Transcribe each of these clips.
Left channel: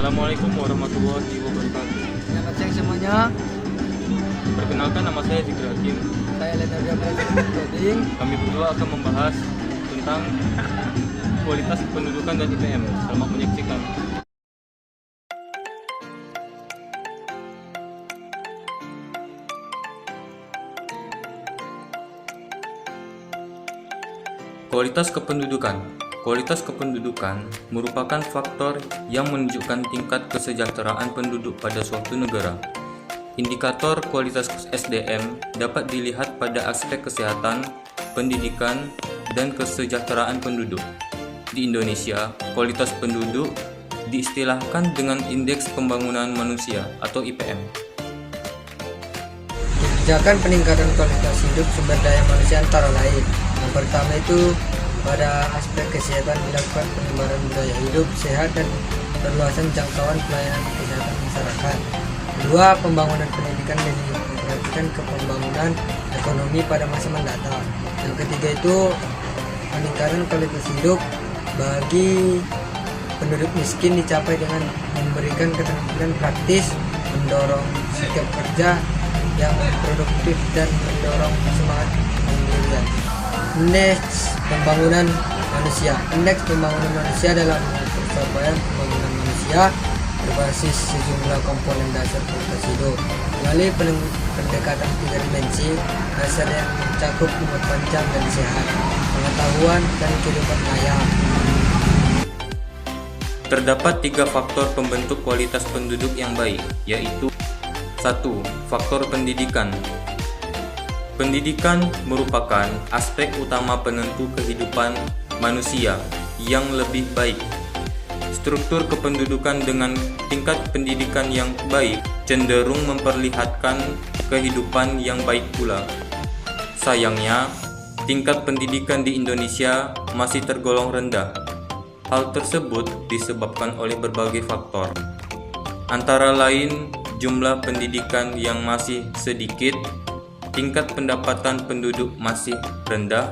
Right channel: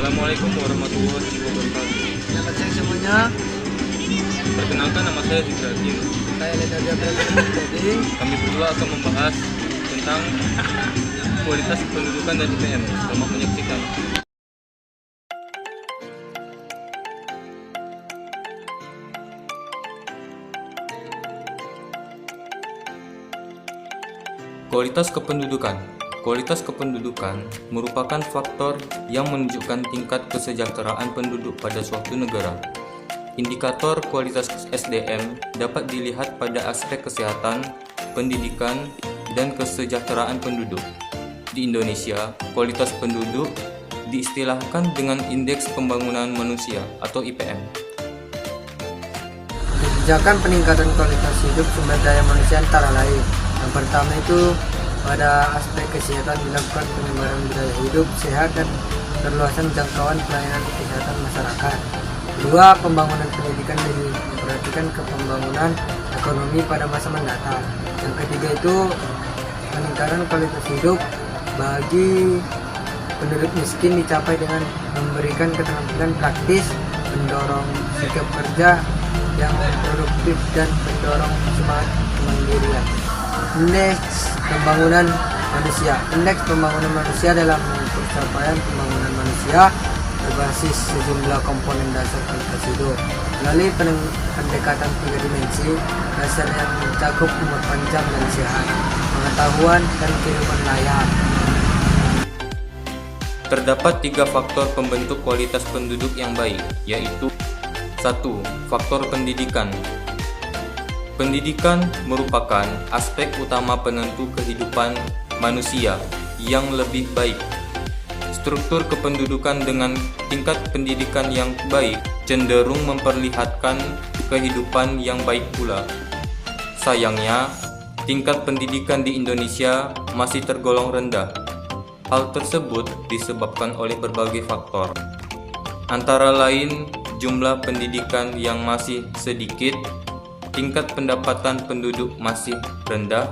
Assalamualaikum warahmatullahi wabarakatuh. Selamat siang semuanya. Perkenalkan, nama saya Zikratin. Saya Leonardo Jadi Kami berdua akan membahas tentang kualitas pendudukan dan IPM. Selamat menyaksikan. Kualitas kependudukan. Kualitas kependudukan merupakan faktor yang menunjukkan tingkat kesejahteraan penduduk pada suatu negara. Indikator kualitas SDM dapat dilihat pada aspek kesehatan, pendidikan, dan kesejahteraan penduduk. Di Indonesia, kualitas penduduk diistilahkan dengan Indeks Pembangunan Manusia atau IPM. kebijakan peningkatan kualitas hidup sumber daya manusia antara lain. Yang pertama itu pada aspek kesehatan dilakukan penyebaran budaya hidup sehat dan perluasan jangkauan pelayanan kesehatan masyarakat. Kedua, pembangunan pendidikan diperhatikan ke pembangunan ekonomi pada masa mendatang. Yang ketiga itu peningkatan kualitas hidup bagi penduduk miskin dicapai dengan memberikan keterampilan praktis, mendorong sikap kerja yang produktif dan mendorong semangat kemandirian. Indeks pembangunan manusia. Indeks pembangunan manusia dalam pencapaian pembangunan manusia berbasis sejumlah komponen dasar kualitas hidup melalui pendekatan tiga dimensi dasar yang mencakup umur panjang dan sehat, pengetahuan dan kehidupan layak. Terdapat 3 faktor pembentuk kualitas penduduk yang baik, yaitu 1. Faktor pendidikan. Pendidikan merupakan aspek utama penentu kehidupan manusia yang lebih baik. Struktur kependudukan dengan tingkat pendidikan yang baik cenderung memperlihatkan kehidupan yang baik pula. Sayangnya, tingkat pendidikan di Indonesia masih tergolong rendah. Hal tersebut disebabkan oleh berbagai faktor, antara lain jumlah pendidikan yang masih sedikit, tingkat pendapatan penduduk masih rendah,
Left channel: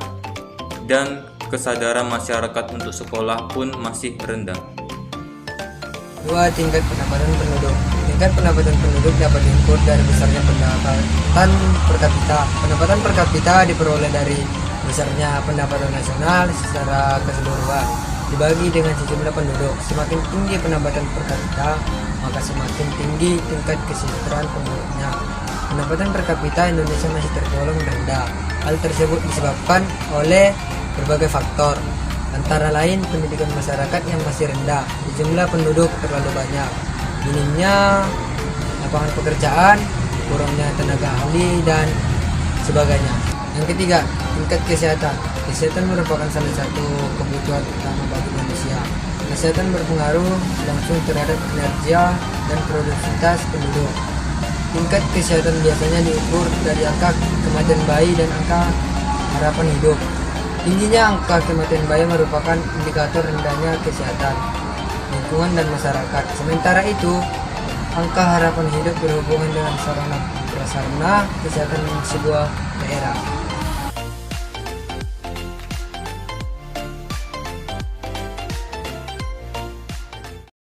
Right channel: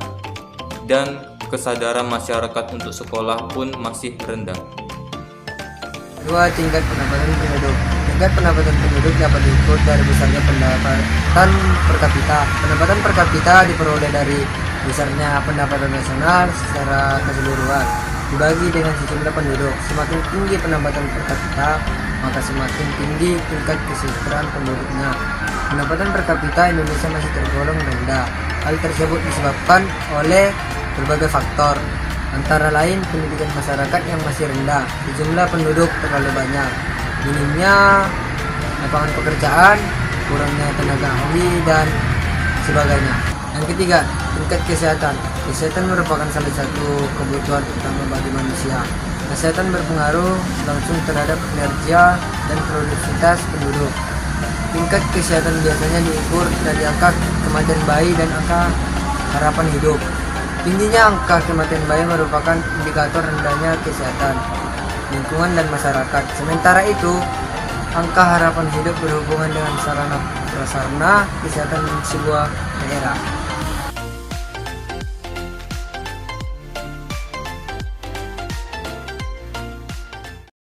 dan kesadaran masyarakat untuk sekolah pun masih rendah. 2. Tingkat pendapatan penduduk. Tingkat pendapatan penduduk dapat diukur dari besarnya pendapatan per kapita. Pendapatan per kapita diperoleh dari besarnya pendapatan nasional secara keseluruhan dibagi dengan sejumlah penduduk. Semakin tinggi pendapatan per kapita, maka semakin tinggi tingkat kesejahteraan penduduknya. Pendapatan per kapita Indonesia masih tergolong rendah. Hal tersebut disebabkan oleh berbagai faktor, antara lain pendidikan masyarakat yang masih rendah, jumlah penduduk terlalu banyak, minimnya lapangan pekerjaan, kurangnya tenaga ahli, dan sebagainya. Yang ketiga, tingkat kesehatan. Kesehatan merupakan salah satu kebutuhan utama bagi manusia. Kesehatan berpengaruh langsung terhadap kinerja dan produktivitas penduduk. Tingkat kesehatan biasanya diukur dari angka kematian bayi dan angka harapan hidup. Tingginya angka kematian bayi merupakan indikator rendahnya kesehatan lingkungan dan masyarakat. Sementara itu, angka harapan hidup berhubungan dengan sarana prasarana kesehatan sebuah daerah.